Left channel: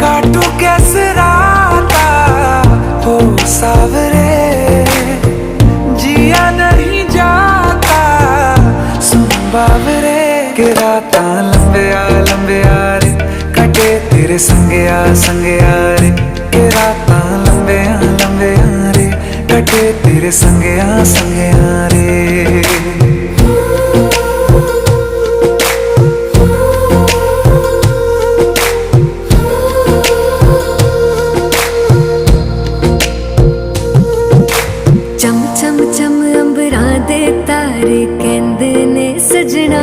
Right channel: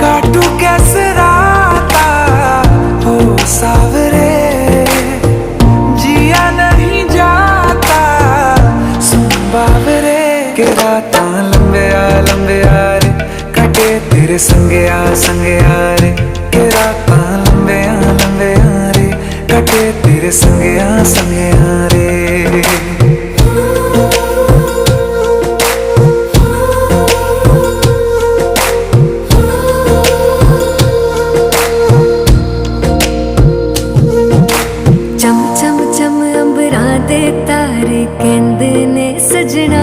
काटू कैसे राता हो सावरे, जिया नहीं जाता सुन बावरे। के राता लंबे आ रे, कटे तेरे संगे आ रे। के राता लंबे आ रे, कटे तेरे संगे आ रे। चम चम चम अंबरां दे तारे कहंदे ने सजना,